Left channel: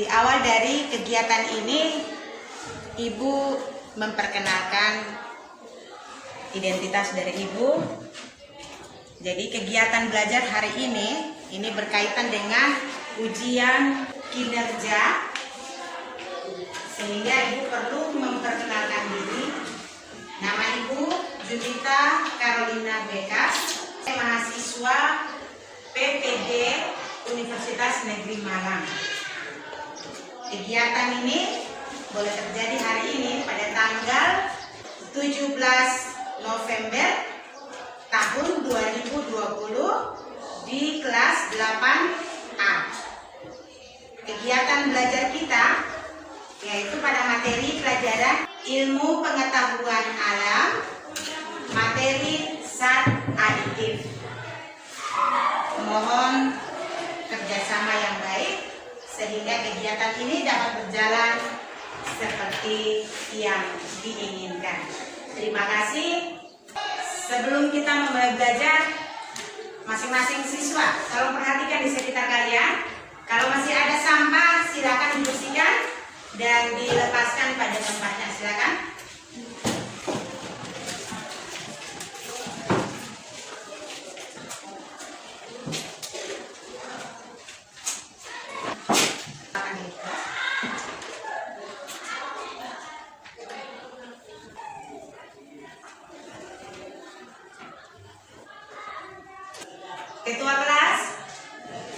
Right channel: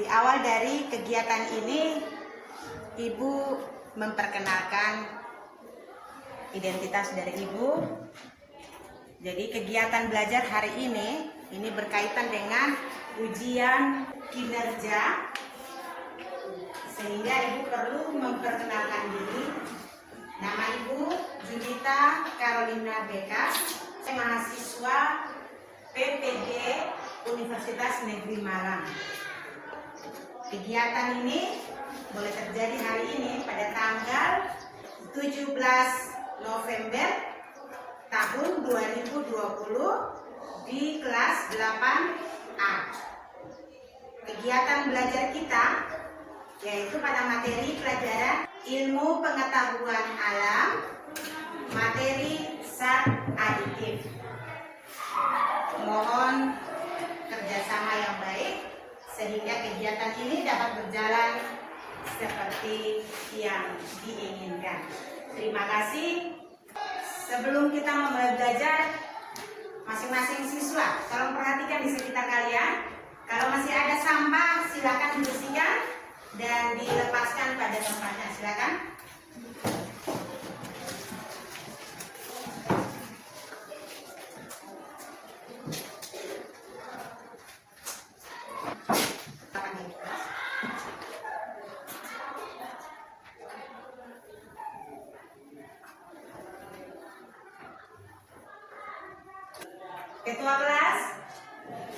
Di awal dari kegiatan ini, Ibu memperkenalkan identitas dari Ibu. Jadi kegiatan belajar hari ini berkaitan dengan ujian kinerja, sehingga Ibu perlu memperkenalkan diri. Nama Ibu Junita Carolina Bekas, mahasiswa PPD Universitas Negeri Malang. Kegiatan ini boleh terjadi hari ini pada tanggal 17 November tahun 2020 di kelas 8A. Kegiatan belajar kita yaitu pada materi pelajaran ilmu pengetahuan alam, materi zat aditif. Mohon kerjasama yang baik sehingga kegiatan ini dapat berjalan seperti yang diinginkan. Terima kasih. Sebelum kita memulai belajar, masing-masing siswa tolong perhatikan di sekitar kalian. Kalau masih ada sampah, silakan dibersihkan dan dilepaskan pada tempatnya. Silakan. Ketua kelas,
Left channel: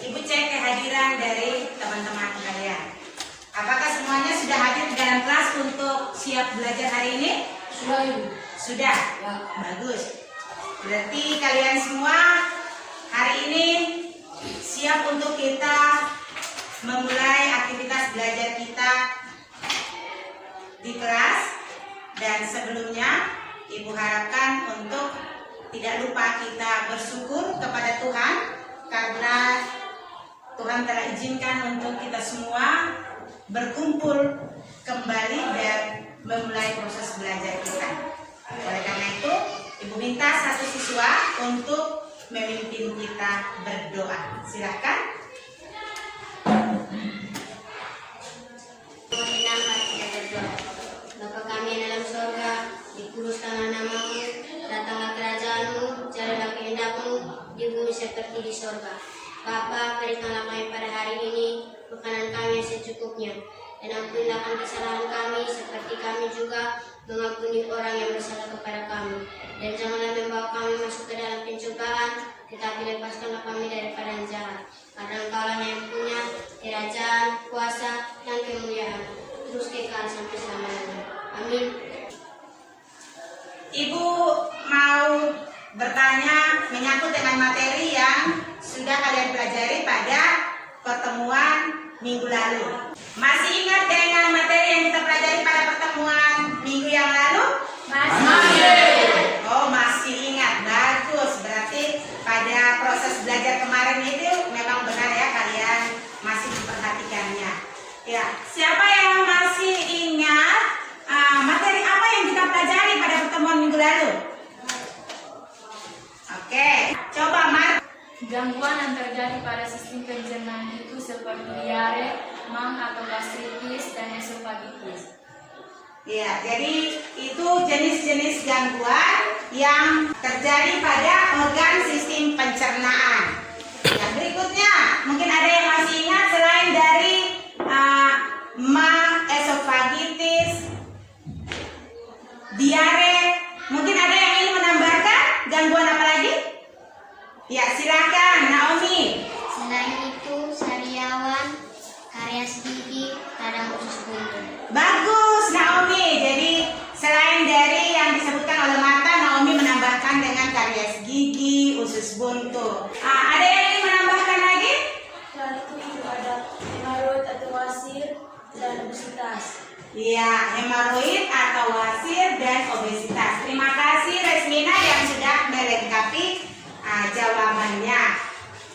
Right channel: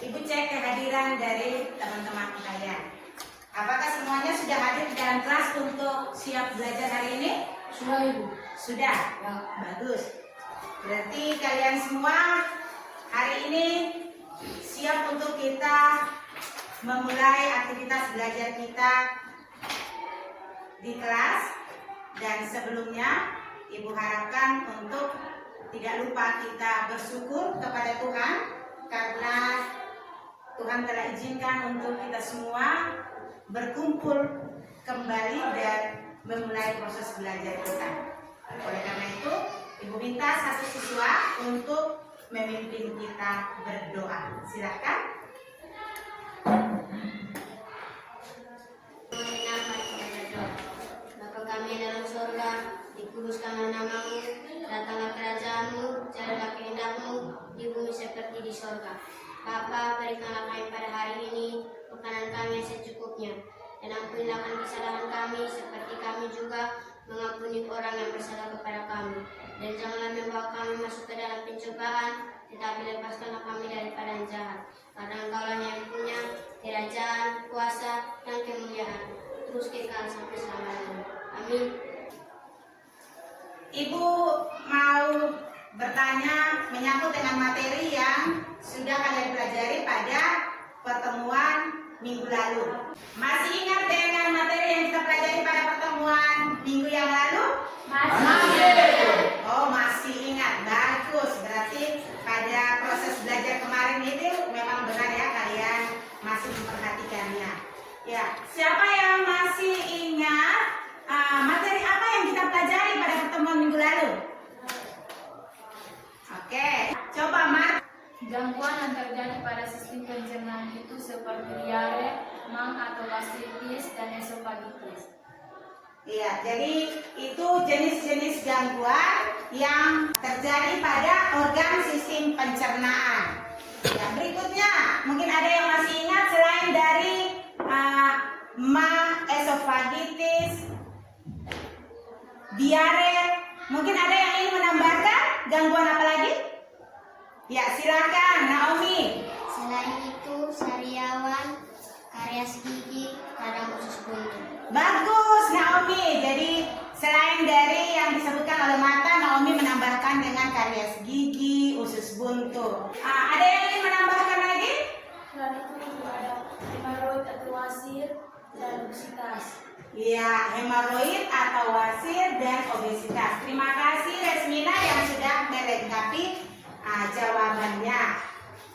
Ibu cek kehadiran dari teman-teman kalian. Apakah semuanya sudah hadir di dalam kelas untuk siap belajar hari ini? Sudah, Ibu. Sudah? Ya. Bagus. Berarti kalian semua hari ini siap untuk kita memulai aktivitas belajar kita di kelas. Dan sebelumnya Ibu harapkan untuk tidak lupa kita bersyukur kepada Tuhan karena Tuhan telah izinkan untuk kita semua berkumpul kembali dan memulai proses belajar kita. Oleh karena itu, Ibu minta satu siswa untuk memimpin kita berdoa. Silakan. Bapa kami yang dalam surga, dikuduskanlah namamu, datanglah kerajaanmu, jadilah kehendakmu di bumi seperti di surga. Bapa, berikanlah kami pada hari ini makanan kami yang secukupnya, dan ampunilah kesalahan kami seperti kami juga mengampuni orang yang bersalah kepada kami. Dan janganlah membawa kami masuk ke dalam pencobaan, tetapi lepaskanlah kami daripada yang jahat. Karena Engkaulah yang punya kerajaan, kuasa, dan kemuliaan, terus kekal sampai selama-lamanya. Amin. Ibu mau bertanya menyangkut dengan materi yang sudah kalian pelajari pada pertemuan minggu lalu. Masih ingat dengan materi yang kita pelajari pada pertemuan minggu yang lalu? Masih. Oh, masih ingat. Bagus. Berarti pada proses belajar kemarin itu memang benar ya, kalian masih memperhatikannya. Ya, siapa yang masih ingat materi apa yang kita pelajari pada pertemuan minggu lalu? Oke, coba Mar. Gangguan yang terjadi pada sistem pencernaan itu seperti diare, mang atau gastritis, dan esofagitis. Ya, jadi itu jenis-jenis gangguan yang terjadi pada organ sistem pencernaan. Yang berikutnya, mungkin ada yang masih ingat selain dari mang, esofagitis, diare, mungkin ada yang ingin menambahkan gangguan apa lagi? Ya, silakan Naomi. Selain itu, sariawan, karies gigi, radang usus buntu. Bagus Naomi. Jadi selain dari yang disebutkan oleh Marta, Naomi menambahkan dengan karies gigi, usus buntu. Ada yang ingin menambahkan lagi? Selain itu ada hemoroid atau wasir dan obesitas. Ya, hemoroid atau wasir dan obesitas. Terima kasih Resmina yang sudah melengkapi jawabannya.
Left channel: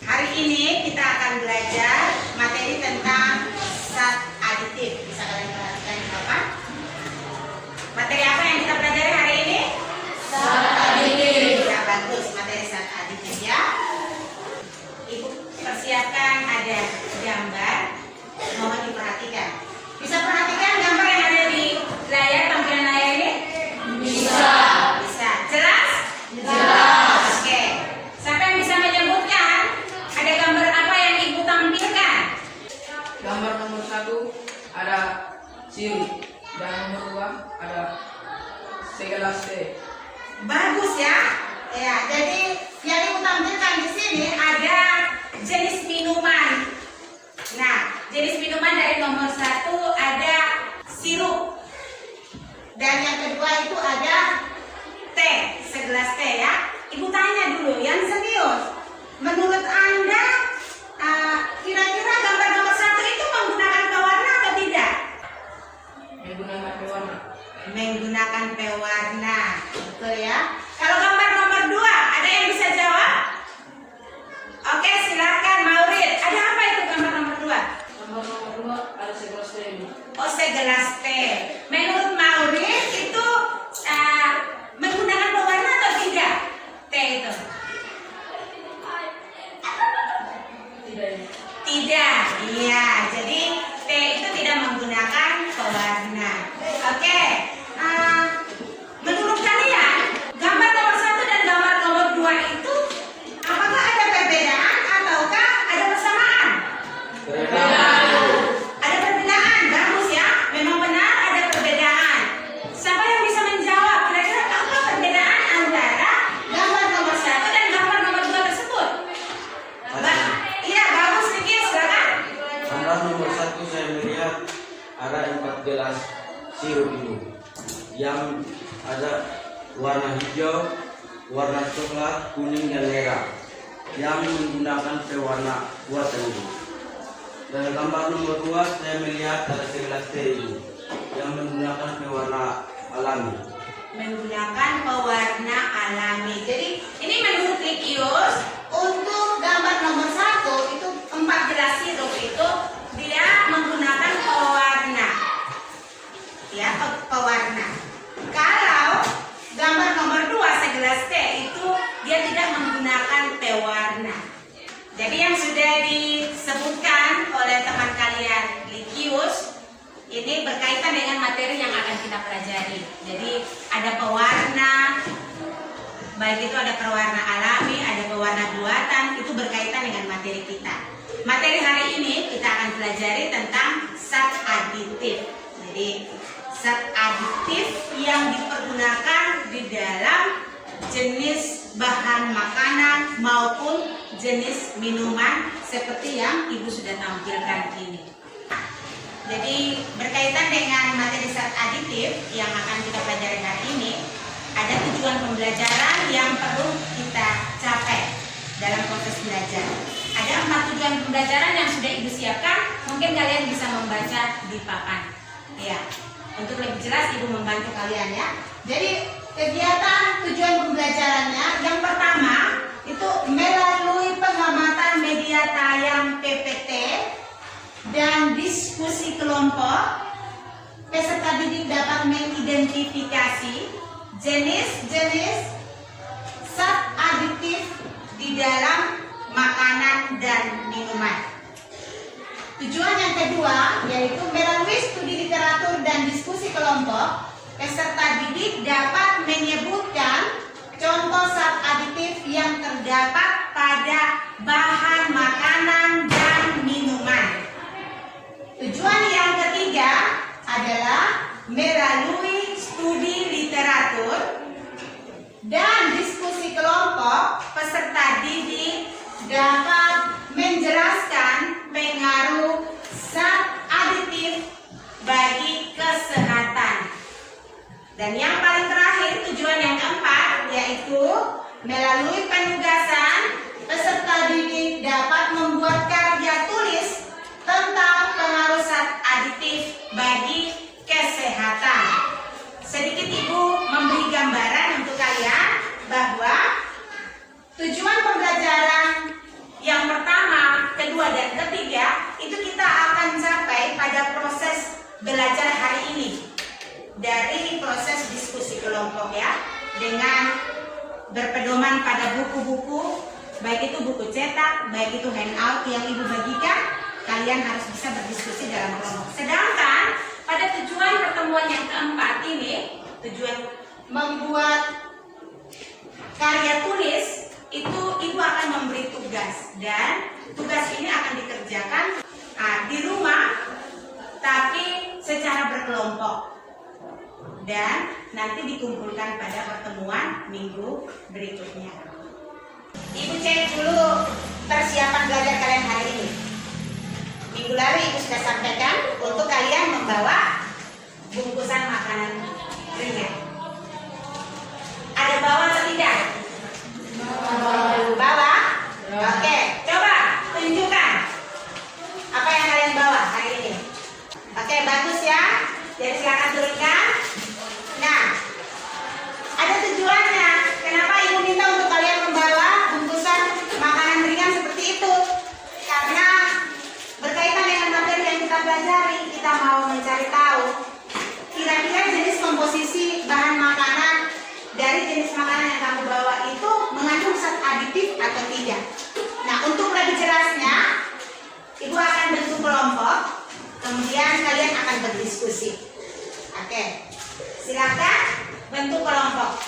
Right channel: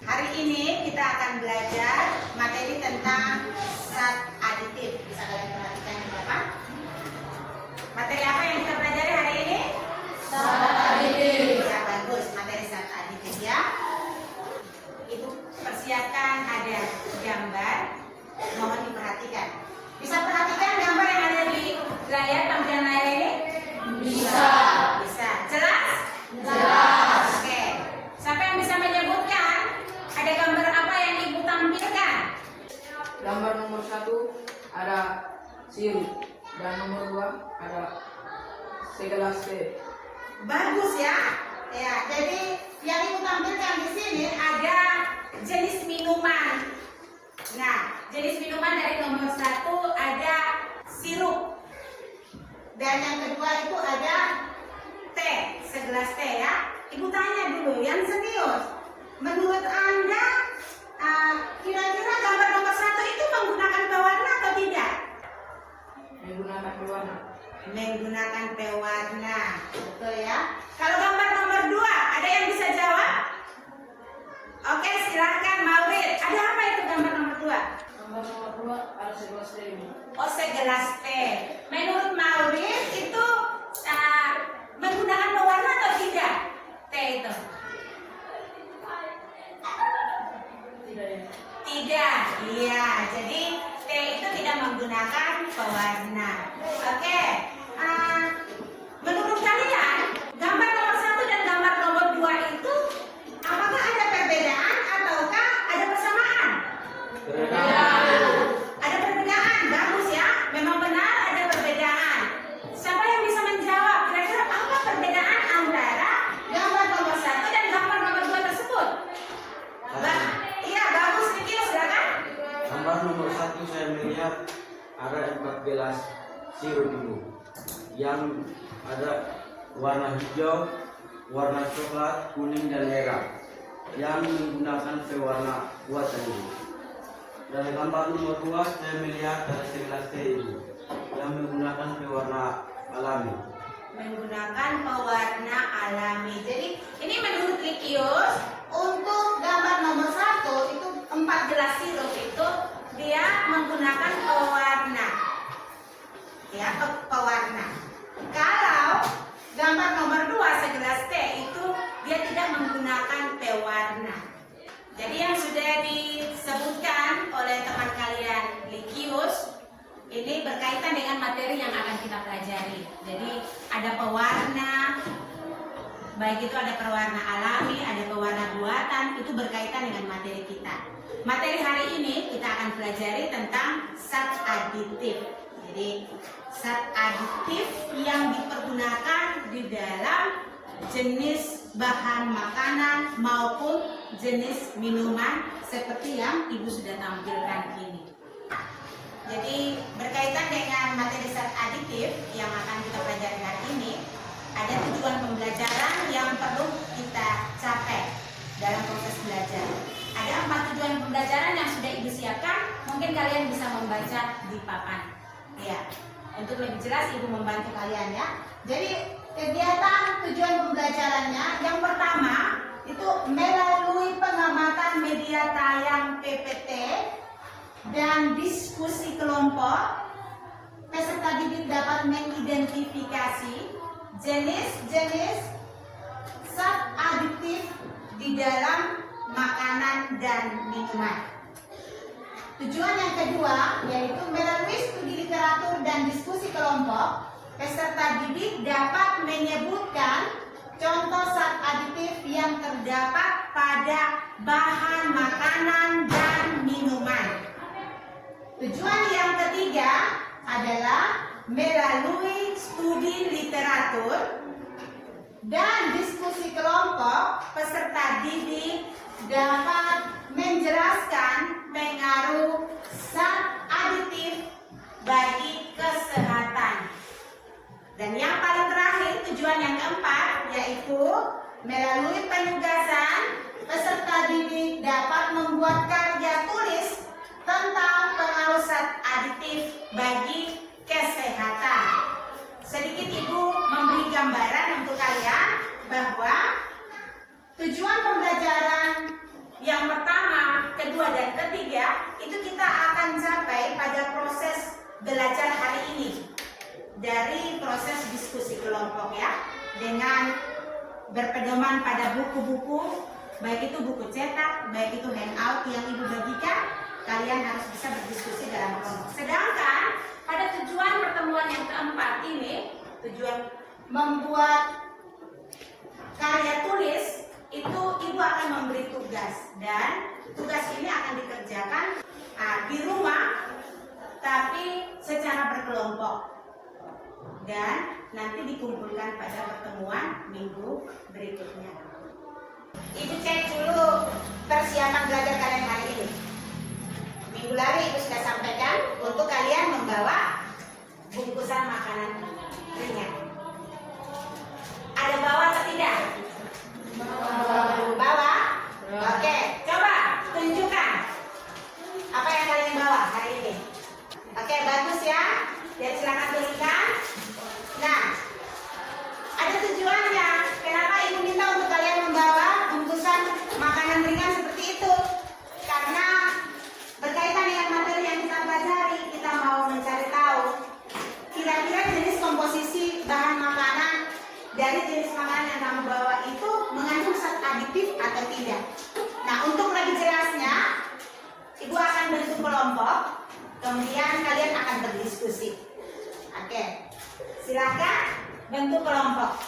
Hari ini kita akan belajar materi tentang zat aditif. Bisa kalian perhatikan Bapak? Materi apa yang kita pelajari hari ini? Zat aditif. Ya, bagus, materi zat aditif ya. Ibu persiapkan ada gambar, mohon diperhatikan. nomor 1 ada sirup. Dan yang kedua itu ada teh, segelas teh ya. Ibu tanya dulu, yang serius. Menurut Anda, kira-kira gambar nomor 1 itu menggunakan pewarna atau tidak? Menggunakan pewarna. Menggunakan pewarna, betul ya. Kalau gambar nomor 2, ada yang bisa jawab? Oke, silakan Maulid. Ada apa itu gambar nomor 2? Nomor 2 ada segelas teh. Oh, segelas teh. Menurut Maulid itu menggunakan pewarna atau tidak? Teh itu? Tidak ini. Tidak. Iya, jadi teh itu tidak menggunakan pewarna. Oke. Menurut kalian, gambar nomor 1 dan gambar nomor 2 itu apakah ada perbedaan ataukah ada persamaan? Ada perbedaan, bagus ya. Memang benar ada perbedaan. Siapa yang bisa menjawab? Kira-kira apa perbedaan antara gambar nomor 1 dan gambar nomor 2 tersebut? Iya, bagus sedikit, silakan. Gambar nomor 1 saya melihat ada 4 gelas sirup itu, yang ada warna hijau, warna coklat, kuning dan merah, yang menggunakan pewarna buatan itu. Dan gambar nomor 2 saya melihat ada segelas teh itu, yang menggunakan pewarna alami. Menggunakan pewarna alami. Jadi ini menurut Likius, untuk gambar nomor 1 itu 4 gelas sirup itu dia menggunakan pewarna, ya, pewarna. Kalau gambar nomor 2 segelas teh itu dia tidak menggunakan pewarna. Jadi yang sudah disebutkan oleh teman kalian Likius ini berkaitan dengan materi yang akan kita pelajari. Jadi ada pewarna, baik itu ada pewarna alami, ada pewarna buatan, itu berkaitan dengan materi kita. Materi hari ini kita akan pelajari tentang zat aditif. Jadi zat aditif yang dipergunakan di dalam jenis bahan makanan maupun jenis minuman seperti yang Ibu sudah tampilkan ini. Jadi berkaitan dengan materi zat aditif yang akan kita pelajari hari ini, ada tujuan pembelajaran yang perlu kita capai dalam proses belajar. Ada 4 tujuan pembelajaran yang sudah Ibu siapkan, mungkin kalian bisa membaca di papan. Ya, untuk lebih jelas Ibu membantu kalian ya. Jadi kegiatan tujuan pembelajarannya yang pertama itu melalui pengamatan media tayang PPT dan diskusi kelompok, peserta didik dapat mengidentifikasi jenis-jenis zat aditif di dalam makanan dan minuman. Tujuan yang kedua yaitu melalui studi literatur dan diskusi kelompok, peserta didik dapat menyebutkan contoh zat aditif yang terdapat pada bahan makanan dan minuman. Tujuan yang ketiga adalah melalui studi literatur dan diskusi kelompok, peserta didik dapat menjelaskan pengaruh zat aditif bagi kesehatan. Dan yang paling terakhir, tujuan yang keempat yaitu melalui penugasan, peserta didik dapat membuat karya tulis tentang pengaruh zat aditif bagi kesehatan. Sedikit Ibu memberi gambaran untuk kalian bahwa tujuan pembelajaran yang pertama, kedua, dan ketiga itu kita akan capai pada proses belajar hari ini. Dari proses diskusi kelompok ya, dengan berpedoman pada buku-buku, baik itu buku cetak, baik itu handout yang Ibu bagikan, kalian harus bisa berdiskusi dalam kelompok. Sedangkan pada tujuan pertemuan yang keempat ini, tujuan membuat karya tulis, itu Ibu akan memberi tugas, dan tugas ini akan dikerjakan di rumah tapi secara berkelompok dan nanti dikumpulkan pada pertemuan minggu berikutnya. Ibu cek dulu persiapan belajar kalian hari ini. Minggu lalu Ibu sudah sampaikan Kemudian kalian akan berdiskusi. Oke, silakan bentuk kelompok.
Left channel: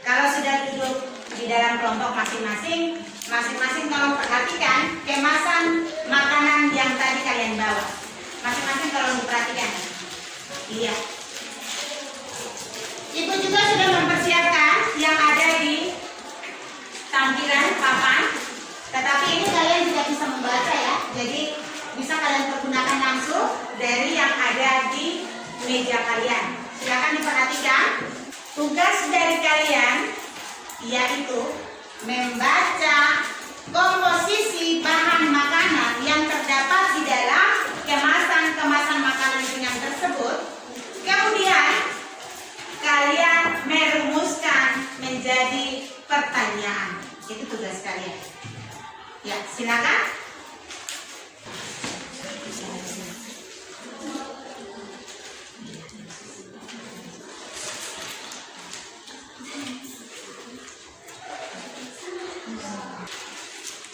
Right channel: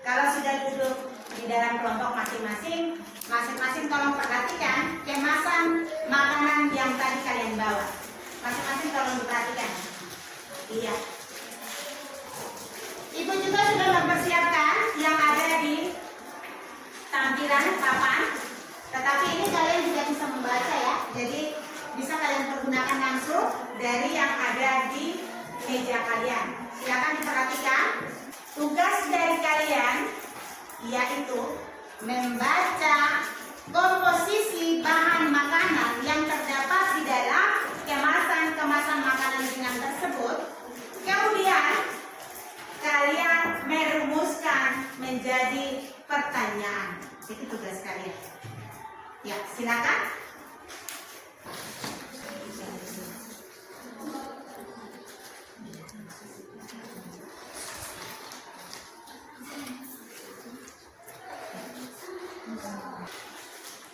Kalau sudah duduk di dalam kelompok masing-masing, masing-masing tolong perhatikan kemasan makanan yang tadi kalian bawa. Masing-masing tolong diperhatikan. Iya. Ibu juga sudah mempersiapkan yang ada di tampilan papan. Tetapi ini kalian juga bisa membaca ya. Jadi bisa kalian pergunakan langsung dari yang ada di meja kalian. Silakan diperhatikan. Tugas dari kalian yaitu membaca komposisi bahan makanan yang terdapat di dalam kemasan makanan ringan tersebut. Kemudian kalian merumuskan menjadi pertanyaan. Itu tugas kalian. Ya, silakan.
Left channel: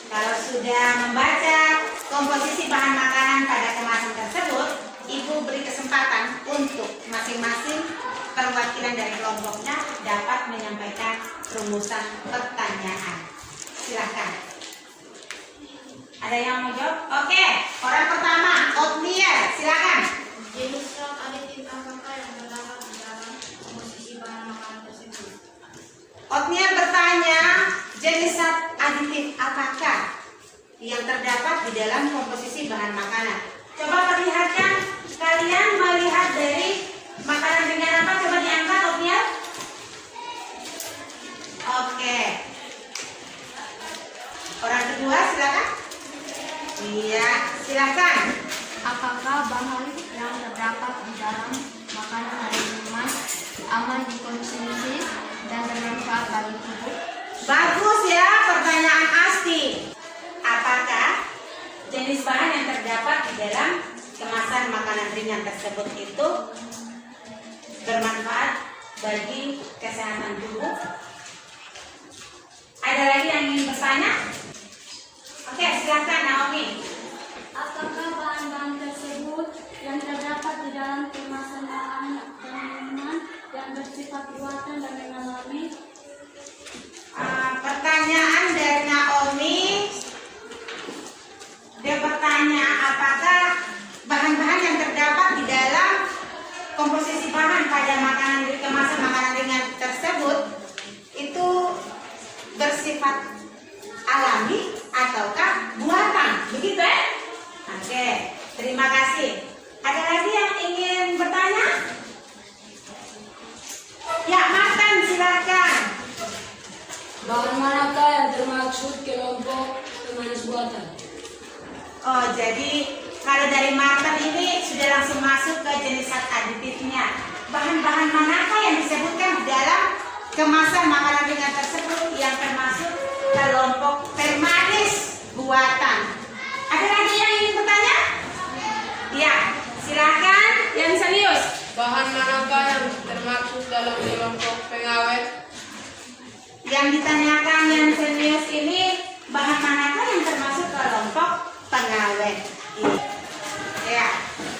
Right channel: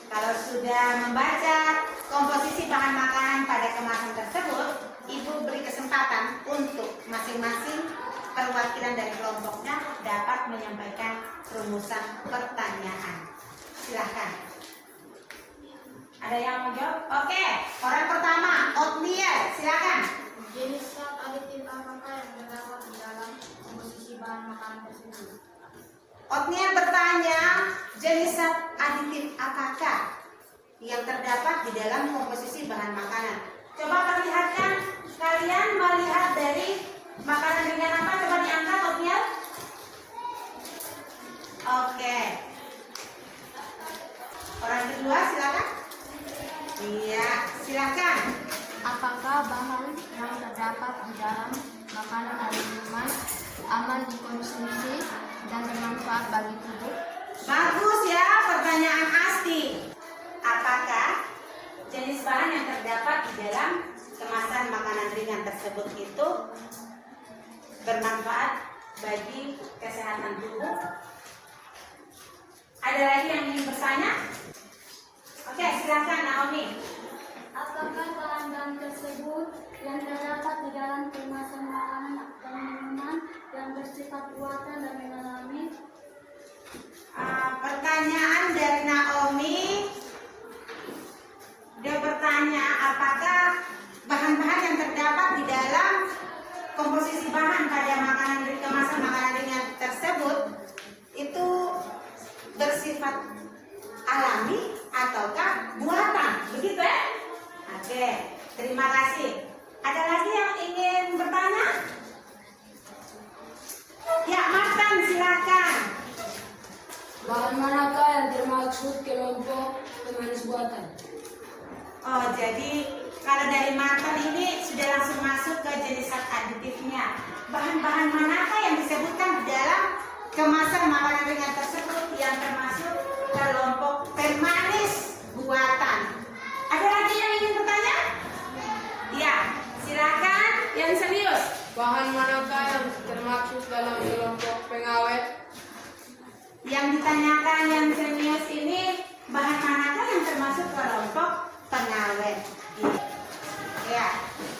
Kalau sudah membaca komposisi bahan makanan pada kemasan tersebut, Ibu beri kesempatan untuk masing-masing perwakilan dari kelompoknya dapat menyampaikan rumusan pertanyaan. Silahkan. Ada yang mau jawab? Oke, orang pertama, Otniel, silakan. Jenis zat aditif apakah yang terdapat di dalam komposisi bahan makanan tersebut? Otniel bertanya, jenis zat aditif apakah yang terdapat di dalam komposisi bahan makanan? Coba perlihatkan, kalian melihat dari makanan ringan apa? Coba diangkat, Otniel. Oke. Orang kedua, silakan. Iya, silakan. Apakah bahan yang terdapat di dalam makanan dan minuman aman dikonsumsi dan bermanfaat bagi tubuh? Bagus ya, pertanyaan Asti. Apakah jenis bahan yang terdapat di dalam kemasan makanan ringan tersebut itu bermanfaat bagi kesehatan tubuh? Ada lagi yang ingin bertanya? Oke, silakan Naomi. Apakah bahan-bahan tersebut yang terdapat di dalam kemasan makanan dan minuman yang bersifat buatan dan mengalami? Pertanyaan dari Naomi. Dia bertanya apakah bahan-bahan yang terdapat di dalam komposisi bahan pada kemasan makanan ringan tersebut itu bersifat alami ataukah buatan, begitu ya? Oke, terima kasih. Ada lagi yang ingin bertanya? Ya, Martin, silakan. Bahan manakah yang termaksud kelompok pemanis buatan? Oh, jadi kalau dari Martin ini sudah langsung masuk ke jenis zat aditifnya. Bahan-bahan manakah yang disebutkan di dalam kemasan makanan ringan tersebut yang termasuk kelompok pemanis buatan? Ada lagi yang ingin bertanya? Ya, silakan yang serius. Bahan manakah yang termaksud dalam kelompok pengawet? Yang ditanyakan yang serius ini bahan manakah yang termasuk kelompok pengawet? Ya,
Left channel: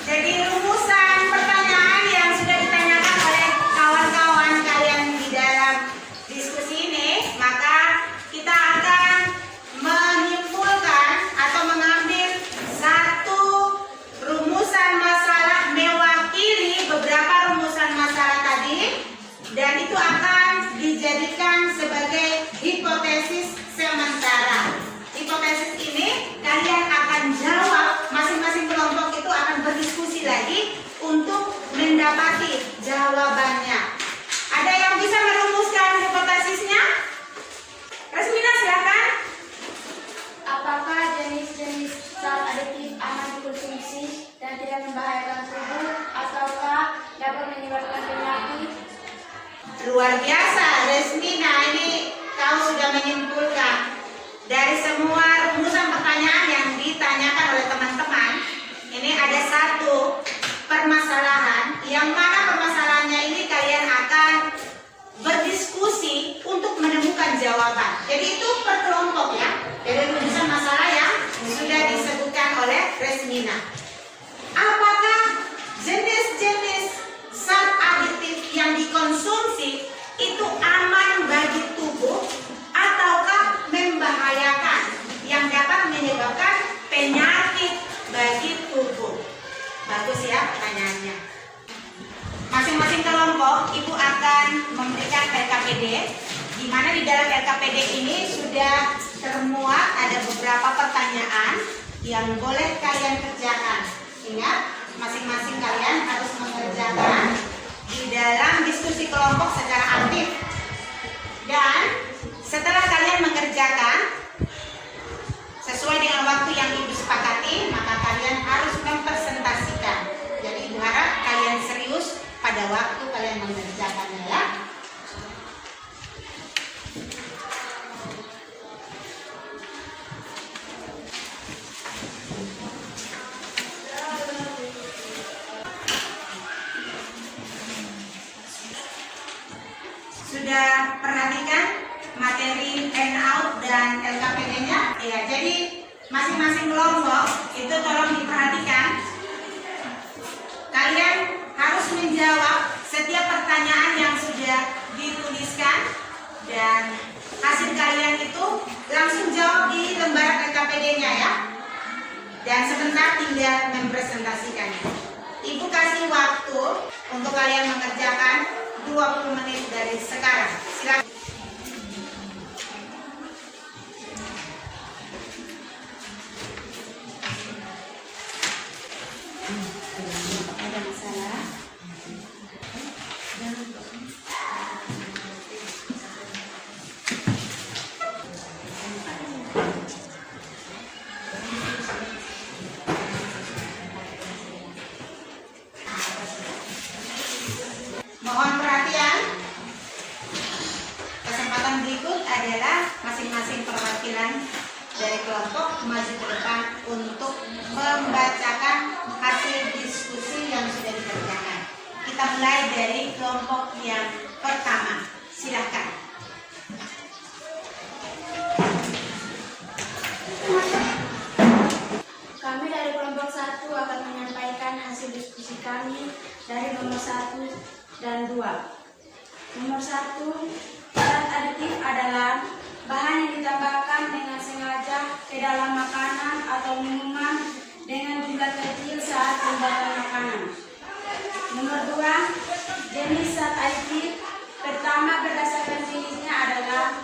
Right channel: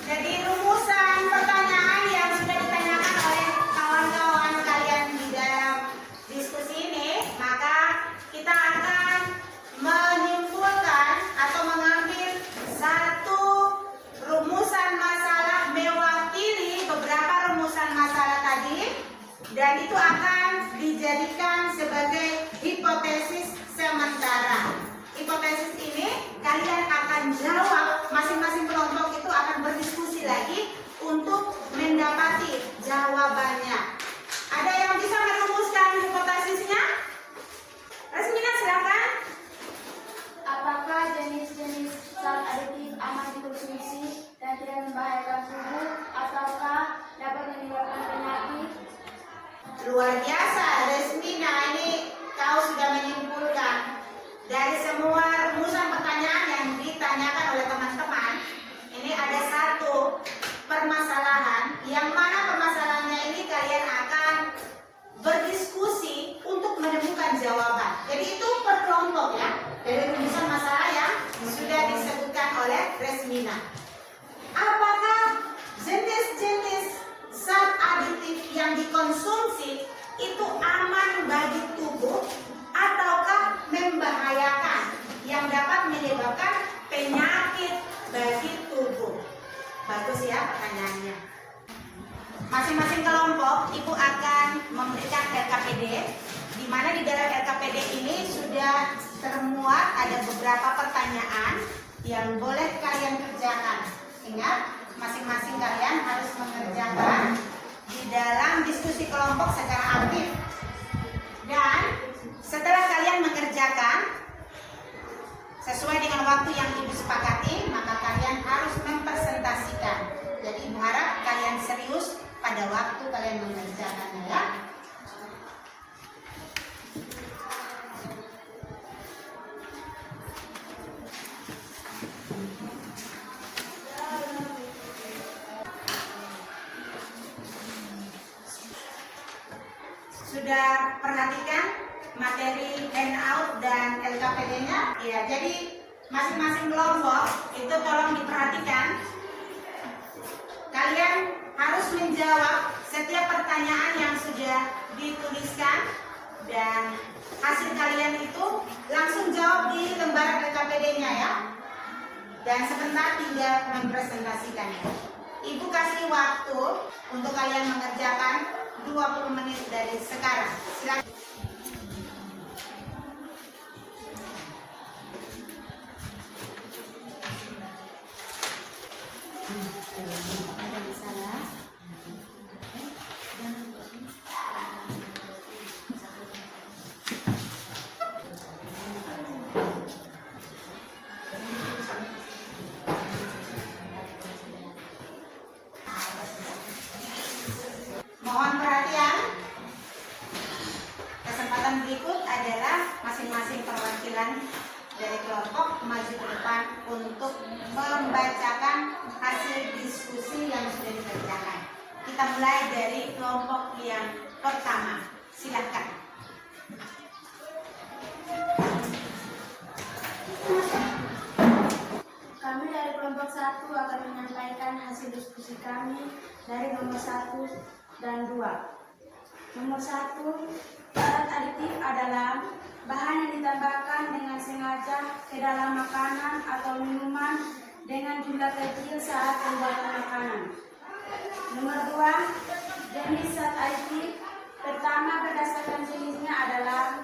jadi rumusan pertanyaan yang sudah ditanyakan oleh kawan-kawan kalian di dalam diskusi ini, maka kita akan menyimpulkan atau mengambil satu rumusan masalah mewakili beberapa rumusan masalah tadi, dan itu akan dijadikan sebagai hipotesis sementara. Hipotesis ini kalian akan jawab, masing-masing kelompok itu akan berdiskusi lagi untuk mendapati jawabannya. Ada yang bisa merumuskan hipotesisnya? Resmina, silakan. Apakah jenis-jenis zat aditif aman dikonsumsi dan tidak membahayakan tubuh ataukah dapat menyebabkan penyakit? Luar biasa, Resmina, ini kau sudah menyimpulkan dari semua rumusan pertanyaan yang ditanyakan oleh teman-teman. Ini ada satu permasalahan, yang mana permasalahannya ini kalian akan berdiskusi untuk menemukan jawaban. Jadi itu per kelompok ya, dari rumusan masalah yang sudah bagus ya pertanyaannya. Masing-masing kelompok Ibu akan memberikan LKPD, di mana di dalam LKPD ini sudah termuat ada beberapa pertanyaan yang boleh kalian kerjakan. Ingat, masing-masing kalian harus mengerjakan di dalam diskusi kelompok secara aktif. Dan setelah kalian mengerjakan sesuai dengan waktu yang Ibu sepakati, maka kalian harus mempresentasikan. Jadi Ibu harap kalian serius pada waktu kalian mengerjakannya ya. Sudah perhatikan materi handout dan LKPD-nya? Ya, jadi masing-masing kelompok itu tolong diperhatikan. Kalian harus menjawab setiap pertanyaan yang sudah dituliskan dan hasil kalian itu langsung jawab di lembar LKPD-nya ya. Dan sebentar tinggal mempresentasikan. Ibu kasih waktu untuk kalian mengerjakan 20 menit dari sekarang. Silakan. Ada masalah? Mohon perhatian. Kesempatan berikut adalah masing-masing perwakilan dari kelompok maju ke depan untuk membacakan hasil diskusi yang sudah dikerjakan. Kita mulai dari kelompok yang pertama. Silakan. Kami dari kelompok 1 akan menyampaikan hasil diskusi kami dari nomor 1 dan 2. Nomor 1, zat aditif adalah bahan yang ditambahkan dengan sengaja ke dalam makanan atau minuman dengan jumlah kecil saat pembuatan makanan. Nomor 2, jenis zat aditif pertama berdasarkan jenisnya adalah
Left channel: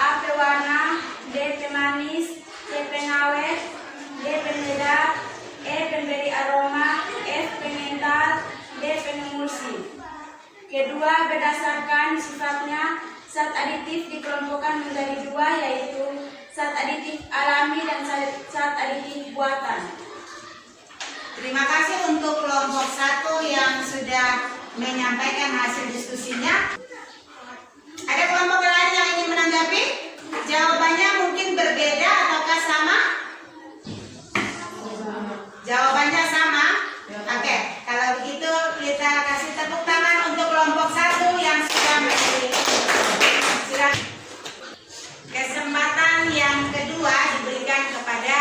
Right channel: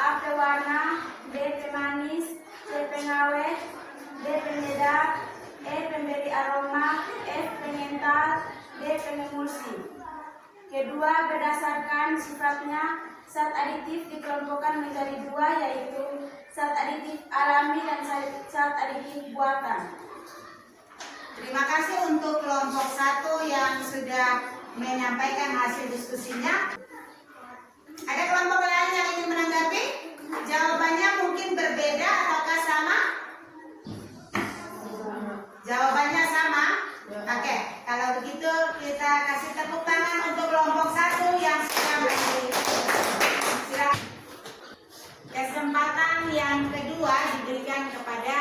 A. Pewarna, B. Pemanis, C. Pengawet, D. Penyedap, E. Pemberi aroma, F. Pengental, D. Pengemulsi. Kedua, berdasarkan sifatnya, zat aditif dikelompokkan menjadi dua, yaitu zat aditif alami dan zat aditif buatan. Terima kasih untuk kelompok 1 yang sudah menyampaikan hasil diskusinya. Ada kelompok lain yang ingin menanggapi? Jawabannya mungkin berbeda ataukah sama? Jawabannya sama? Oke, kalau begitu kita kasih tepuk tangan untuk kelompok 1 yang sudah menjadi. Silakan. Kesempatan yang kedua diberikan kepada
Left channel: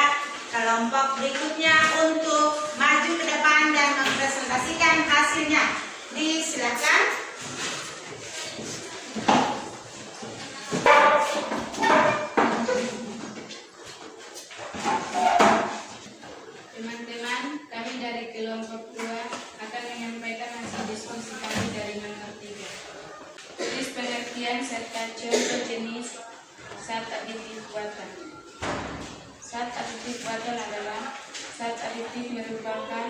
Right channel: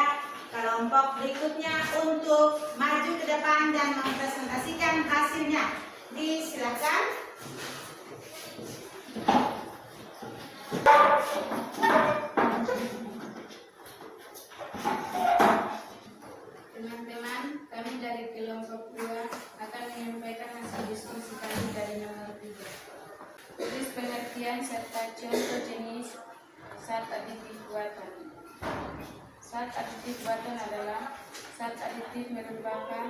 kelompok berikutnya untuk maju ke depan dan mempresentasikan hasilnya. Disilakan. Teman-teman, kami dari kelompok 2 akan menyampaikan hasil diskusi kami dari nomor 3. Tulis pengertian serta contoh jenis zat aditif buatan. Zat aditif buatan adalah zat aditif merupakan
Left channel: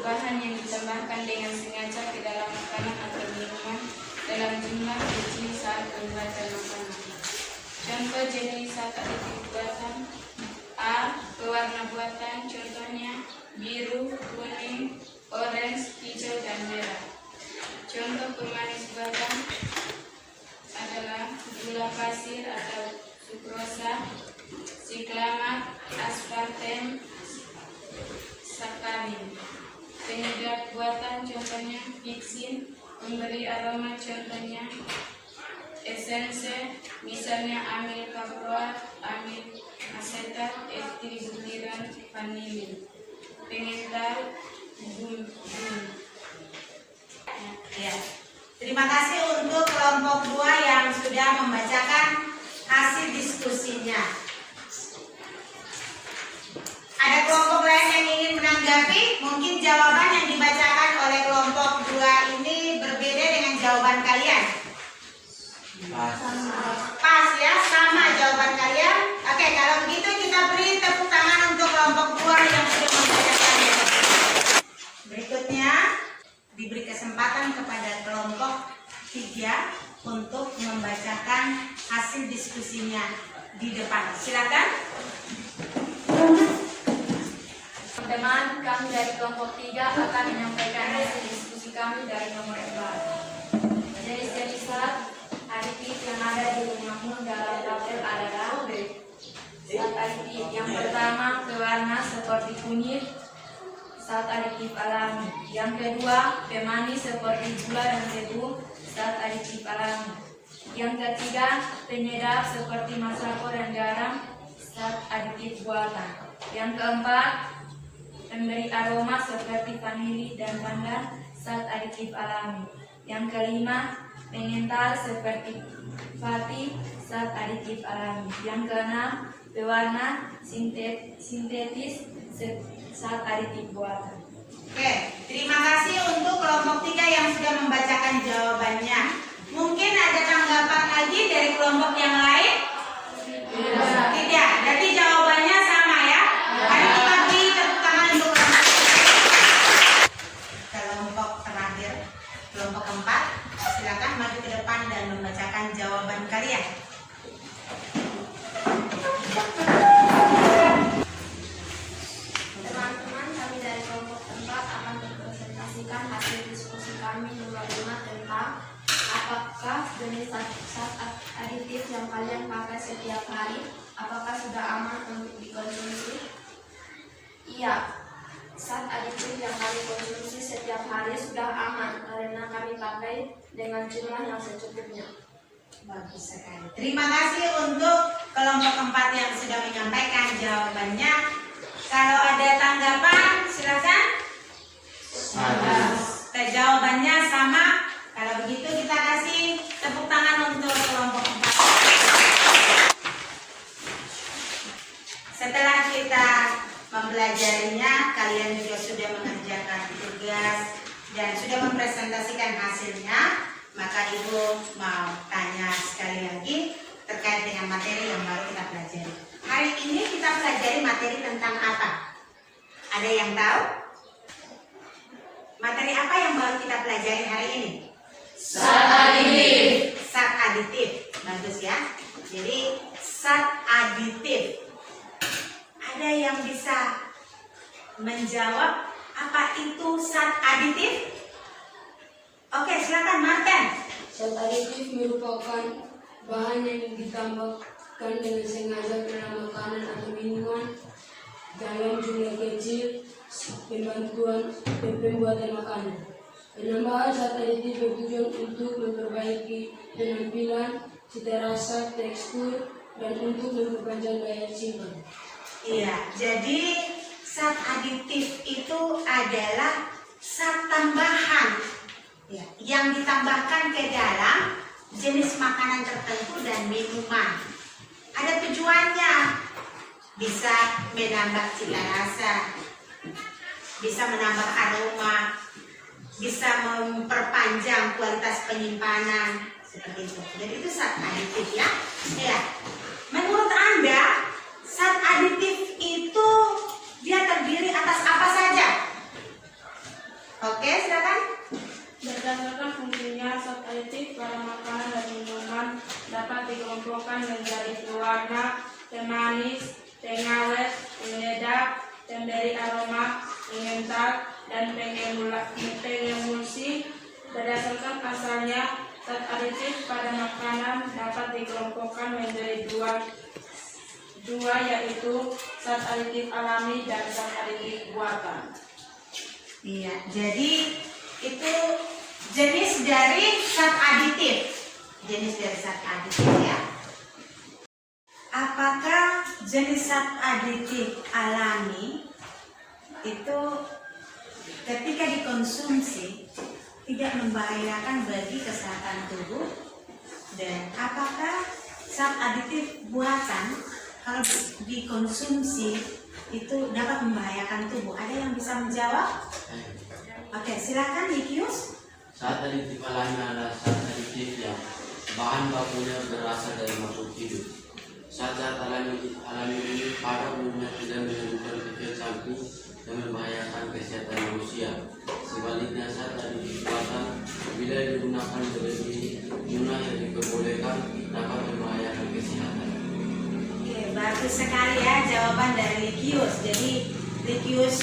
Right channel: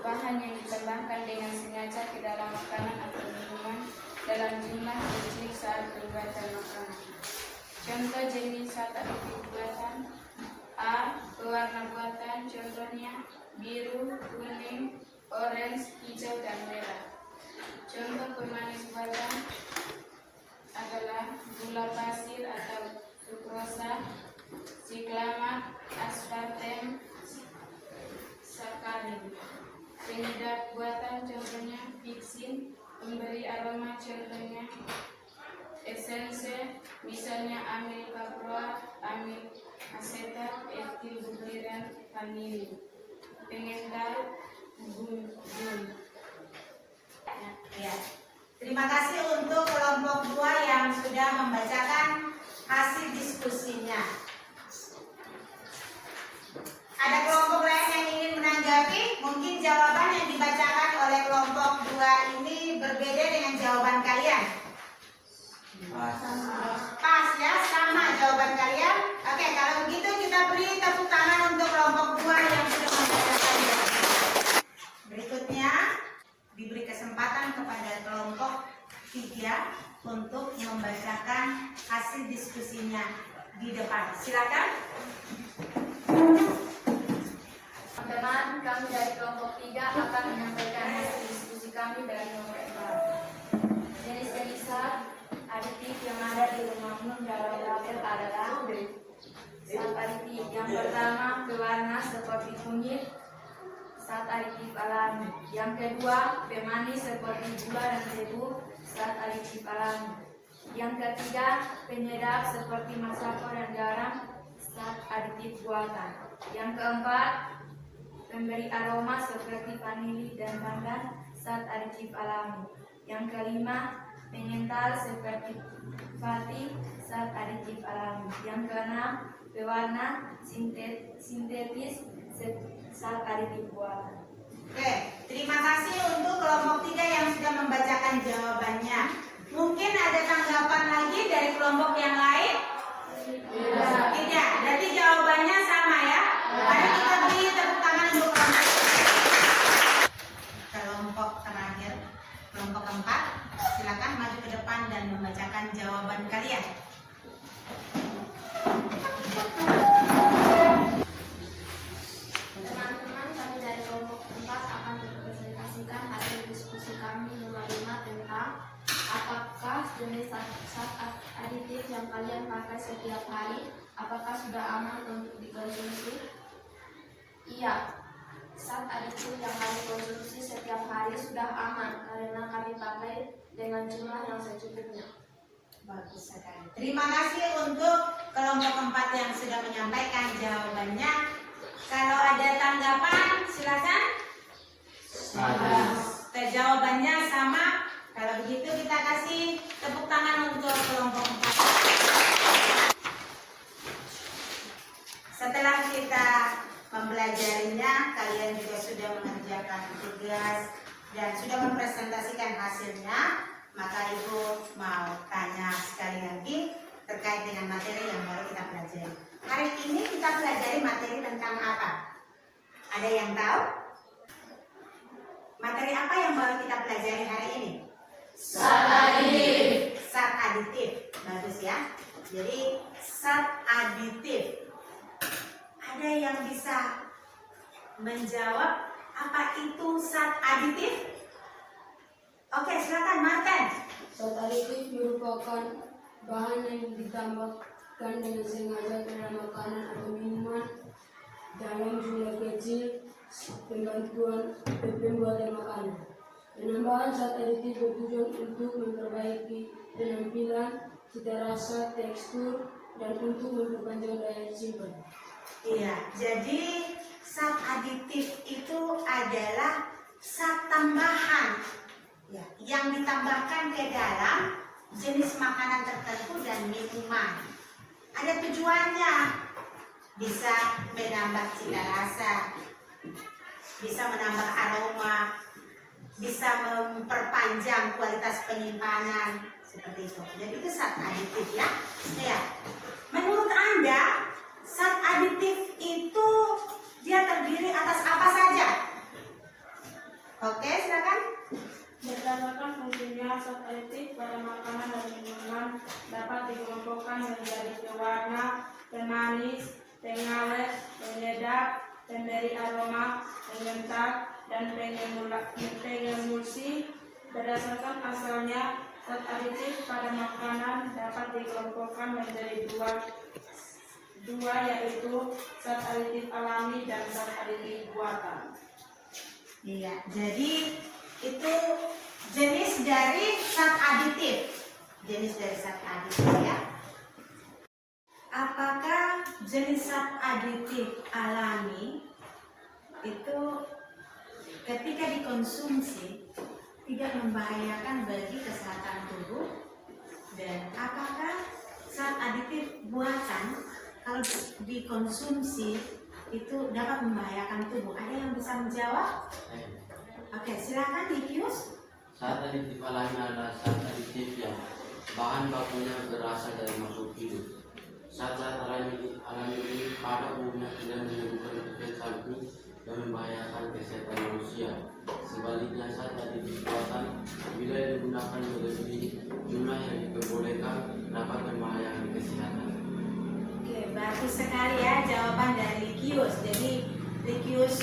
bahan yang ditambahkan dengan sengaja ke dalam makanan atau minuman dalam jumlah kecil saat pembuatan makanan. Contoh jenis zat aditif buatan: A. Pewarna buatan, contohnya biru, kuning, orange, hijau, dan merah. Contoh pemanis buatan adalah gula pasir atau sukrosa, siklamat, aspartem, sakarin. Penyedap buatan contohnya viksin, pemberi aroma contohnya esense, misalnya amil kaproat, amil asetat, etil butiran, vanilin. Pengental, gum. Ya. Terima kasih untuk kelompok 2 yang sudah membacakan hasil diskusinya. Ada kelompok lain yang ingin menanggapi? Mungkin jawaban yang Pas ya, sama jawaban kalian. Oke, kalau begitu kita beri tepuk tangan untuk kelompok 2 yang sudah membacakannya. Berikutnya diberi kesempatan kepada kelompok 3 untuk membacakan hasil diskusinya di depan. Silakan. Teman-teman, kami dari kelompok 3 akan menyampaikan hasil diskusi kami dari nomor 4. Jenis-jenis zat aditif yang ada di rumahmu dalam tabel adalah zat aditif. Yang pertama, pewarna seperti kunyit, zat aditif alami. Yang kedua, pemanis seperti gula dan tebu, zat aditif alami. Yang ketiga, penyedap seperti masako dan garam, zat aditif buatan. Yang keempat, pemberi aroma seperti vanili dan pandan, zat aditif alami. Yang kelima, pengental seperti fatih, zat aditif alami. Yang keenam, pewarna sintetis, zat aditif buatan. Oke, terima kasih untuk kelompok 3 yang sudah membacakan jawabannya. Mungkin ada tanggapan lagi dari kelompok yang lain? Tidak. Berarti jawabannya sama ya? Mari kita beri tepuk tangan untuk kelompok terakhir, kelompok 4. Silakan maju ke depan dan membacakan jawaban kalian. Teman-teman, kami dari kelompok 4 akan mempresentasikan hasil diskusi kami nomor 5 tentang apakah jenis zat aditif yang kalian pakai setiap hari apakah sudah aman untuk dikonsumsi? Iya, zat aditif yang kami konsumsi setiap hari sudah aman karena kami pakai dengan jumlah yang secukupnya. Bagus sekali. Terima kasih untuk kelompok 4 yang sudah menyampaikan jawabannya. Kalau ada tanggapan, silakan. Jawabannya sama. Kalau begitu kita kasih tepuk tangan untuk kelompok 4. Setelah kita mempelajarinya, kalian juga sudah mengerjakan tugas dan sudah mempresentasikan hasilnya. Maka Ibu mau tanya sekali lagi terkait dengan materi yang baru kita pelajari. Hari ini kita pelajari materi tentang apa? Ada yang tahu? Materi apa yang baru kita pelajari hari ini? Zat aditif. Zat aditif. Bagus ya. Jadi zat aditif. Ada yang bisa menjawab apa itu zat aditif? Oke, silakan Martin. Zat aditif merupakan bahan yang ditambahkan dengan sengaja ke dalam makanan atau minuman dalam jumlah kecil pembuatan makanan. Penambahan zat aditif bertujuan untuk memperbaiki penampilan, cita rasa, tekstur, dan untuk memperpanjang daya simpan. Iya, jadi zat aditif itu adalah zat tambahan ya, yang ditambahkan ke dalam jenis makanan tertentu dan minuman. Ada tujuannya, bisa menambah cita rasa, bisa menambah aroma, bisa memperpanjang kualitas penyimpanan seperti itu. Jadi itu zat aditif ya. Ya. Menurut Anda, zat aditif itu dia terdiri atas apa saja? Oke, silakan. Berdasarkan fungsinya, zat aditif pada makanan dan minuman dapat dikelompokkan menjadi pewarna, pemanis, pengawet, penyedap, pemberi aroma, pengental, dan pengemulsi. Berdasarkan asalnya, zat aditif pada makanan dapat dikelompokkan menjadi dua yaitu zat aditif alami dan zat aditif buatan. Iya, jadi itu jenis dari zat aditif. Jenis dari zat aditif ya. Apakah jenis zat aditif alami itu ketika dikonsumsi tidak membahayakan bagi kesehatan tubuh? Dan apakah zat aditif buatan kalau dikonsumsi itu dapat membahayakan tubuh? Ada yang bisa menjawab? Oke, silakan Nikius. Zat aditif alami adalah zat aditif yang Bahan bakunya berasal dari makhluk hidup. Zat-zat alami ini pada umumnya tidak menimbulkan efek samping yang membahayakan kesehatan manusia. Sebaliknya, zat aditif buatan bila digunakan melebihi jumlah yang diperbolehkan dapat membahayakan kesehatan. Oke, bagus sekali ya jawaban dari Likius. Jadi Likius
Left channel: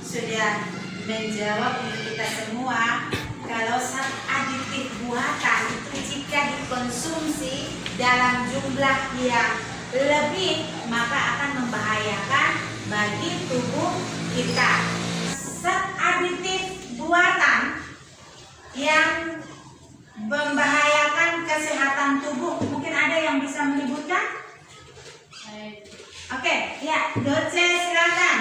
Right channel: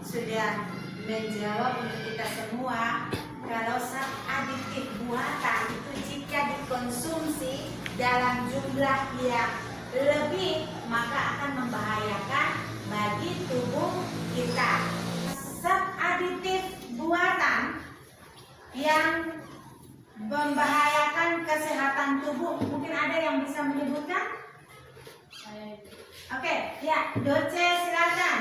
sudah menjawab untuk kita semua kalau zat aditif buatan jika dikonsumsi dalam jumlah yang lebih maka akan membahayakan bagi tubuh kita. Zat aditif buatan yang membahayakan kesehatan tubuh, mungkin ada yang bisa menyebutkan? Oke, ya, Doce silakan.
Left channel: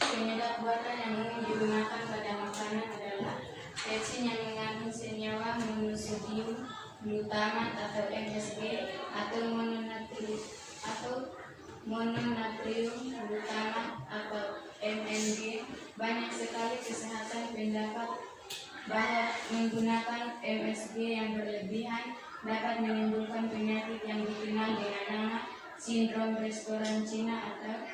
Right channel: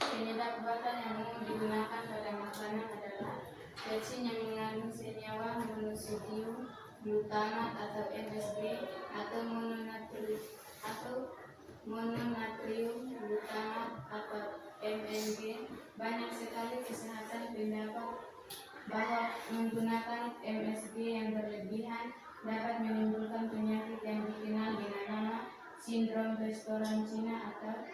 Penyedap buatan yang umum digunakan pada makanan adalah pecin yang mengandung senyawa monosodium glutamat atau MSG atau mononatrium glutamat atau MNG. Banyak sekali kesehatan pendapat bahwa menggunakan MSG yang berlebihan dapat menimbulkan penyakit yang dikenal dengan nama sindrom restoran Cina atau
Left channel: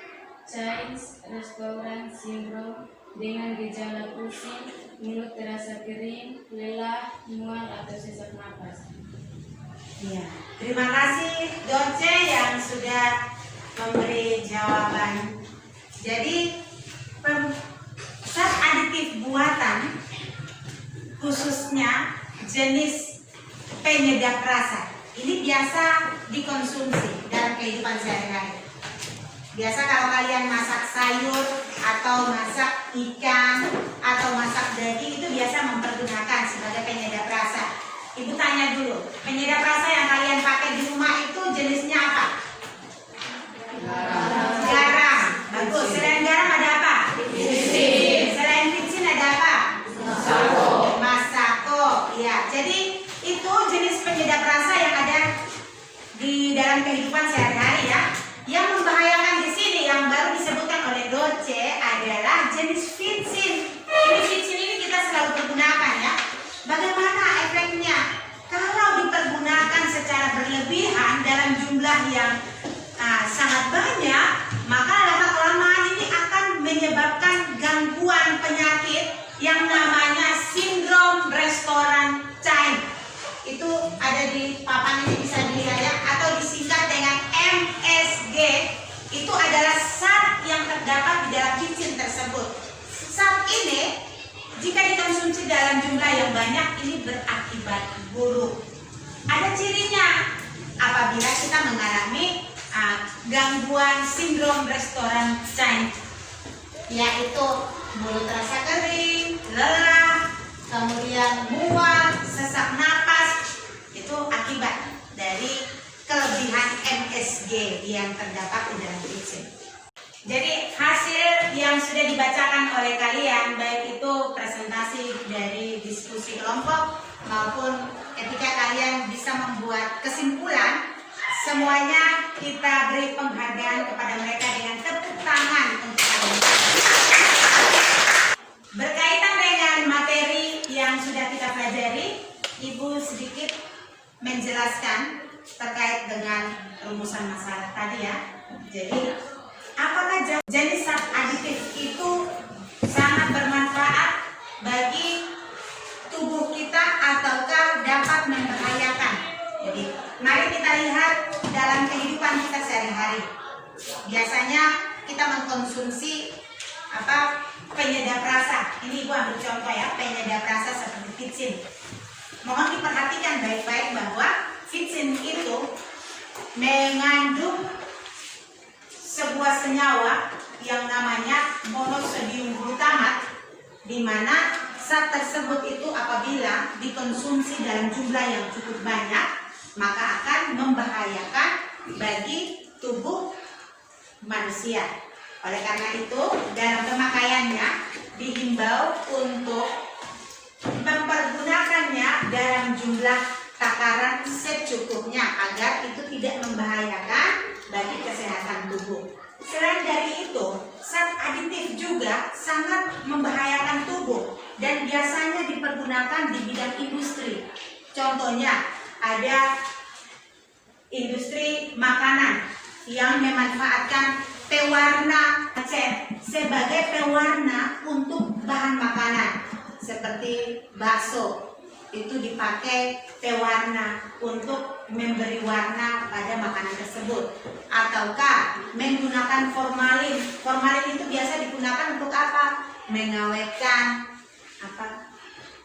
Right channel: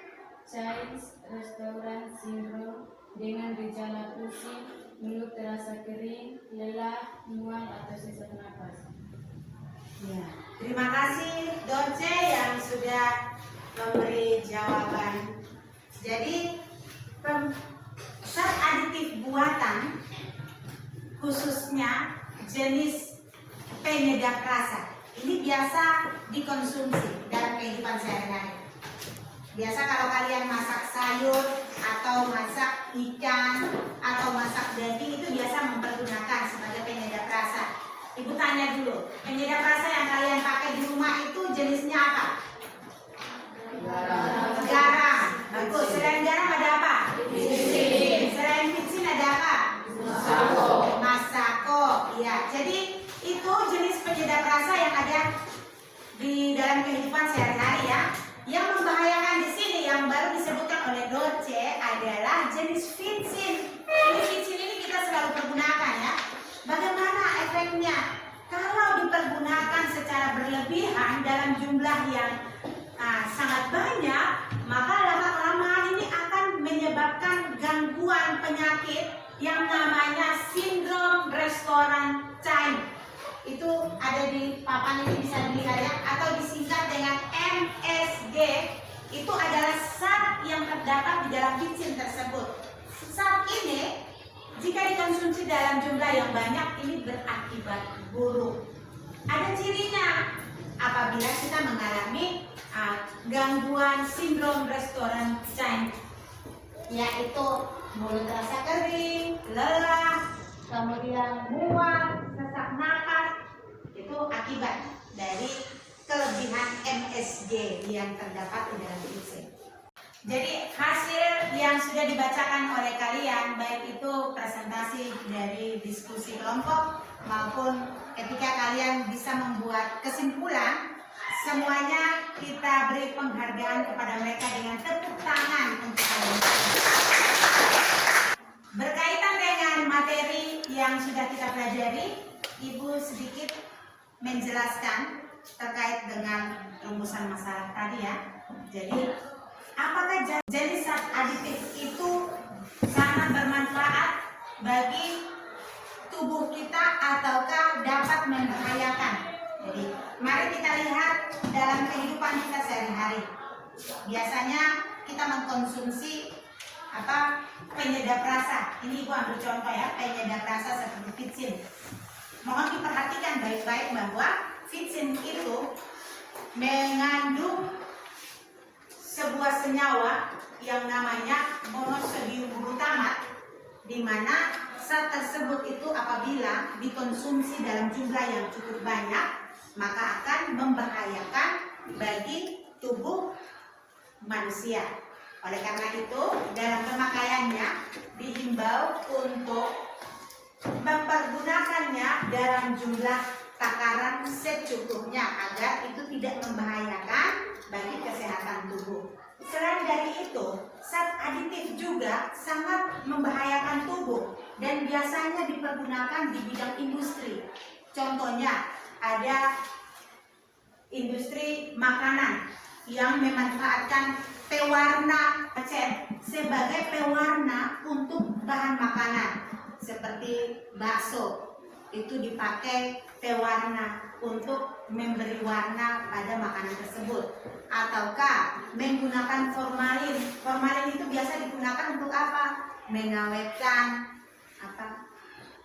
Chinese Restaurant Syndrome dengan gejala pusing, mulut terasa kering, lelah, mual atau sesak napas. Ya, terima kasih Doce yang sudah memberi jawaban. Jadi zat aditif buatan khususnya jenis penyedap rasa ini biasa dikonsumsi dalam kehidupan sehari-hari. Biasa kalau kalian masak sayur atau masak ikan atau masak daging itu biasa mempergunakan sebagai penyedap rasa. Ibu tanya dulu, penyedap rasa yang kalian pakai di rumah itu jenisnya apa? Garam. Bagus. Selain garam ada apa? Vicin. Selain vicin ada apa? Masako. Ya, jadi itu jenis penyedap rasa yang ada di dalam kehidupan sehari-hari ya. Yang membahayakan di sini yang baru disebutkan oleh Doce adalah jenis vicin. Ini vicin ini kita selalu pergunakan ya. Bagaimana efeknya? Kalau dipergunakan secara berlebihan dalam jumlah yang sangat banyak, maka lama-kelamaan ini akan menyebabkan gangguan penyakit yang namanya sindrom restoran China. Itu ada di papan ini bisa dilihat ya, atau disingkat dengan MSG. Itu adalah zat yang terdapat di dalam vicin tersebut. Zat ini jika dikonsumsi dalam jumlah yang banyak ini berakibat buruk. Ada cirinya apabila kita mengalami gangguan sindrom restoran China, yaitu mulut terasa kering, lelah, kemudian mual, sesak napas. Itu akibat dari kelebihan MSG yang terdapat di dalam vicin. Jadi hasil yang sudah dibacakan oleh kalian, baik itu presentasi dari diskusi kelompok maupun ketika kalian bisa membuat kesimpulan, semuanya kita beri penghargaan kepada mereka dengan tepuk tangan untuk kalian. Berkaitan dengan materi yang sudah kita pelajari, Ibu sedikit menjelaskan terkait dengan rumusan masalah tadi ya. Jadi apakah jenis zat aditif itu sangat bermanfaat bagi tubuh kita ataukah dapat membahayakan? Jadi mari kita lihat dalam kehidupan kita sehari-hari. Biasanya kita mengkonsumsi penyedap rasa. Ini Ibu ambil contoh ya, penyedap rasa seperti vicin. Mohon diperhatikan baik-baik bahwa vicin itu mengandung sebuah senyawa yang namanya monosodium glutamat, di mana zat tersebut itu apabila dikonsumsi dalam jumlah yang cukup banyak maka akan membahayakan bagi tubuh manusia. Oleh karena itu dalam pemakaiannya dihimbau untuk mempergunakannya dalam jumlah takaran secukupnya agar itu tidak membahayakan bagi kesehatan tubuh. Selain dari itu, zat aditif juga sangat membahayakan tubuh dan biasanya dipergunakan di bidang industri. Contohnya, ada industri makanan yang memanfaatkan pewarna cat sebagai pewarna untuk bahan makanan seperti bakso, itu dipakai pewarna untuk memberi warna pada makanan tersebut. Ataukah menggunakan formalin. Formalin itu biasa digunakan untuk apa? Mengawetkan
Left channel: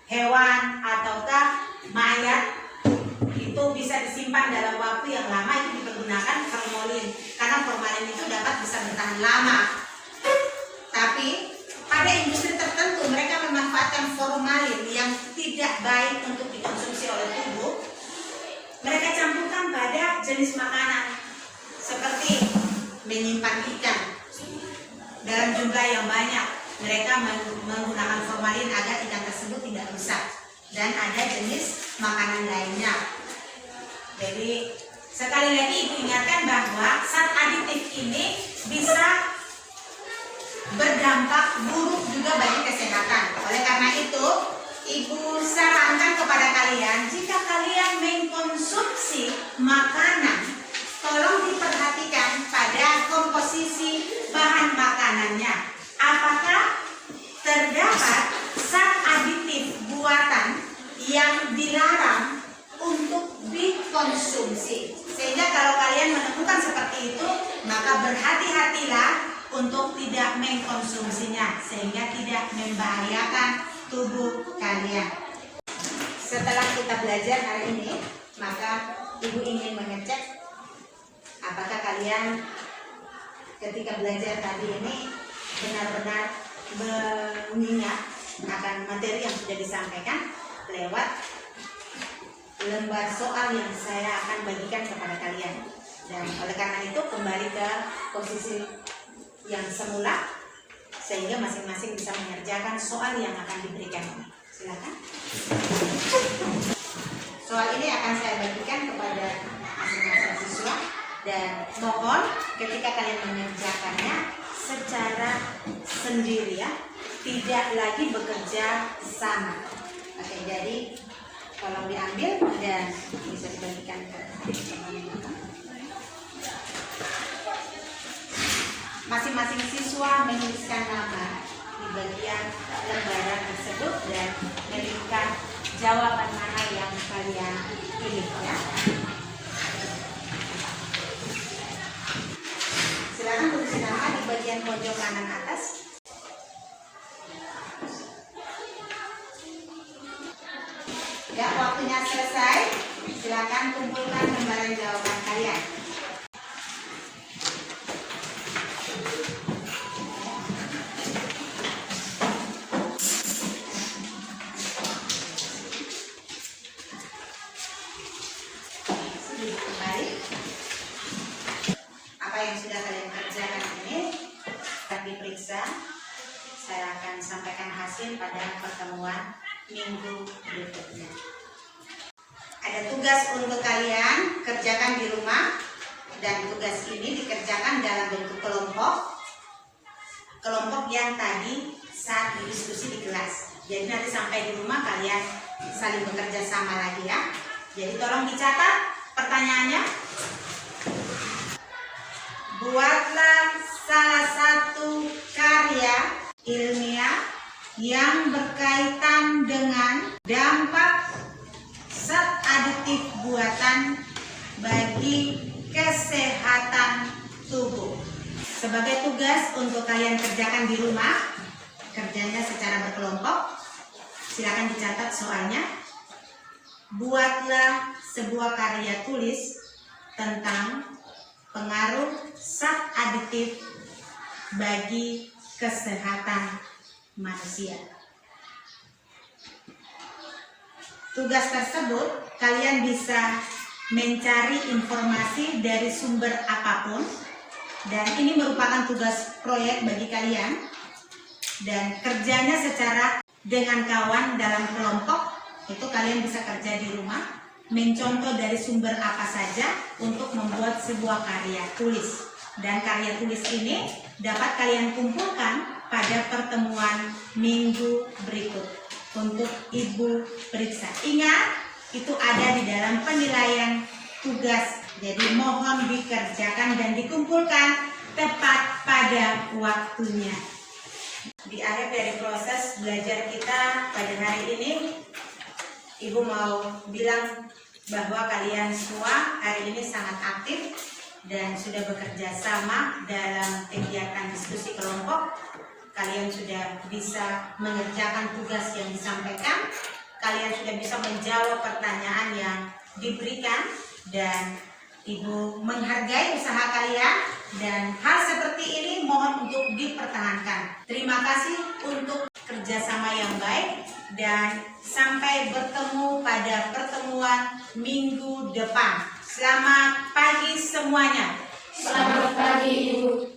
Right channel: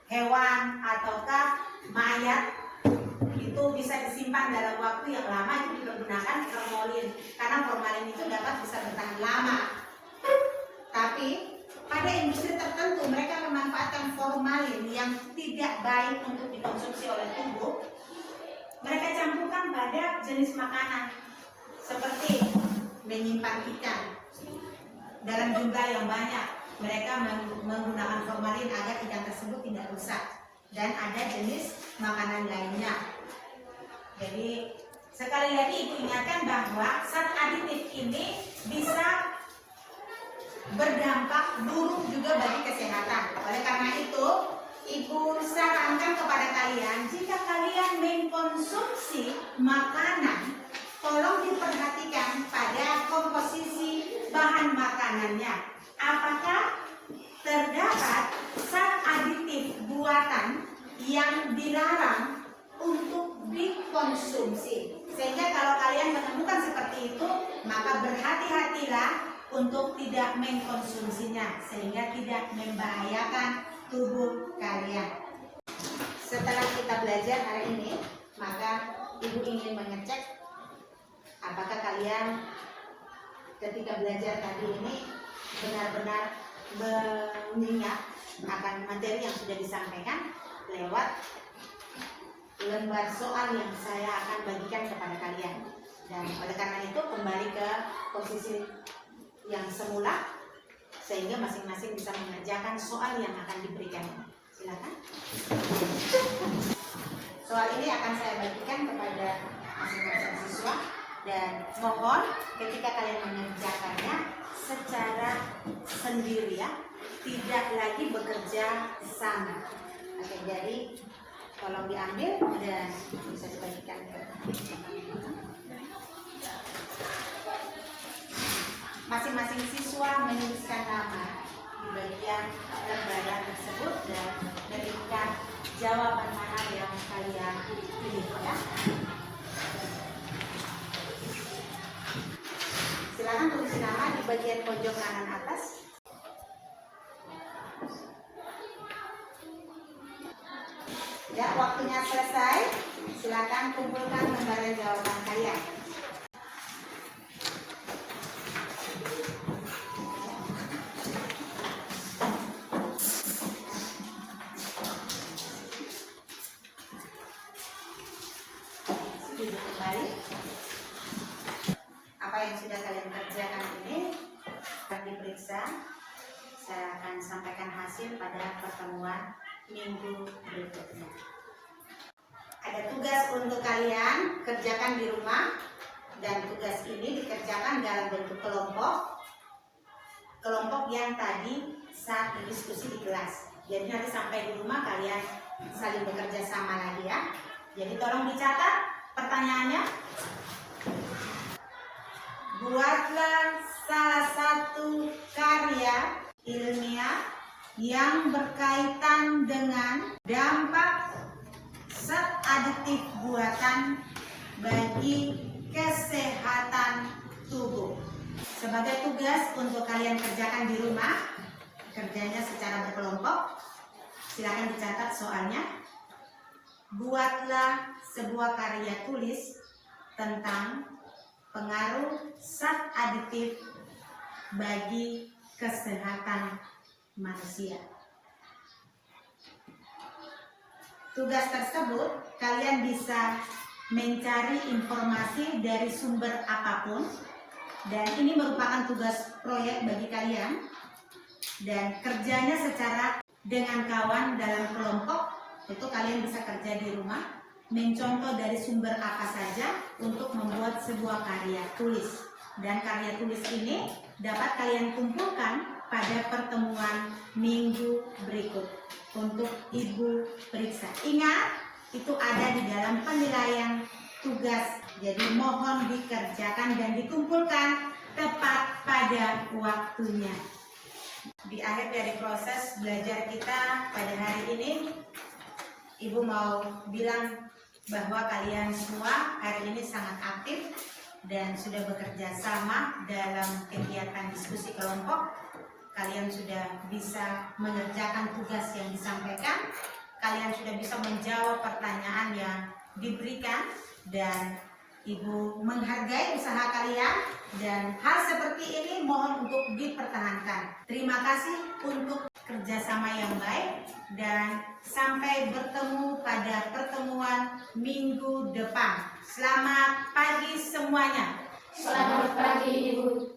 hewan ataukah mayat, itu bisa disimpan dalam waktu yang lama, itu dipergunakan formalin karena formalin itu dapat bisa bertahan lama. Tapi pada industri tertentu mereka memanfaatkan formalin yang tidak baik untuk dikonsumsi oleh tubuh. Mereka campurkan pada jenis makanan seperti menyimpan ikan dalam jumlah yang banyak. Mereka menggunakan formalin agar ikan tersebut tidak rusak, dan ada jenis makanan lainnya. Jadi sekali lagi ibu ingatkan bahwa zat aditif ini bisa berdampak buruk juga bagi kesehatan. Oleh karena itu, ibu sarankan kepada kalian, jika kalian mengkonsumsi makanan, tolong diperhatikan pada komposisi bahan makanannya. Apakah terdapat zat aditif buatan yang dilarang untuk dikonsumsi? Sehingga kalau kalian menemukan seperti itu, maka berhati-hatilah untuk tidak mengkonsumsinya sehingga tidak membahayakan tubuh kalian. Setelah kita belajar hari ini, maka ibu ingin mengecek apakah kalian ketika belajar tadi ini benar-benar mengingat akan materi yang sudah disampaikan lewat lembar soal yang saya akan bagikan kepada kalian. Dan oleh karena itu kembali ke posisi yang semula sehingga masing-masing bisa mengerjakan soal yang akan diberikan ini. Silakan. Soal ini akan saya bagikan kepada masing-masing siswa dan mohon ketika kalian mengerjakannya secara sendiri ya, tidak lagi bekerja sama. Oke, jadi tolong diambil dan bisa dibagikan ke masing-masing siswa menuliskan nama di bagian lembaran tersebut dan menentukan jawaban mana yang kalian pilih ya. Silakan tulis nama di bagian pojok kanan atas. Ya, waktunya selesai. Silakan kumpulkan lembaran jawaban kalian. Kembali. Apa yang sudah kalian kerjakan ini akan diperiksa. Saya akan sampaikan hasil pada pertemuan minggu berikutnya. Ada tugas untuk kalian kerjakan di rumah, dan tugas ini dikerjakan dalam bentuk kelompok yang tadi saat berdiskusi di kelas. Jadi nanti sampai di rumah kalian saling bekerja sama lagi ya. Jadi tolong dicatat pertanyaannya. Buatlah salah satu karya ilmiah yang berkaitan dengan dampak zat aditif buatan bagi kesehatan tubuh. Sebagai tugas untuk kalian kerjakan di rumah, kerjanya secara berkelompok. Silakan dicatat soalnya. Buatlah sebuah karya tulis tentang pengaruh zat aditif bagi kesehatan manusia. Tugas tersebut kalian bisa mencari informasi dari sumber apapun, dan ini merupakan tugas proyek bagi kalian, dan kerjanya secara dengan kawan dalam kelompok. Itu kalian bisa kerja di rumah, mencontoh dari sumber apa saja untuk membuat sebuah karya tulis. Dan karya tulis ini dapat kalian kumpulkan pada pertemuan minggu berikut untuk ibu periksa. Ingat, itu ada di dalam penilaian tugas. Jadi mohon dikerjakan dan dikumpulkan tepat pada waktunya. Di akhir dari proses belajar kita pada hari ini, Ibu mau bilang bahwa kalian semua hari ini sangat aktif dan sudah bekerja sama dalam kegiatan diskusi kelompok. Kalian sudah bisa mengerjakan tugas yang disampaikan. Kalian sudah bisa menjawab pertanyaan yang diberikan, dan Ibu menghargai usaha kalian, dan hal seperti ini mohon untuk dipertahankan. Terima kasih untuk kerjasama yang baik, dan sampai bertemu pada pertemuan minggu depan. Selamat pagi semuanya. Selamat pagi, Ibu.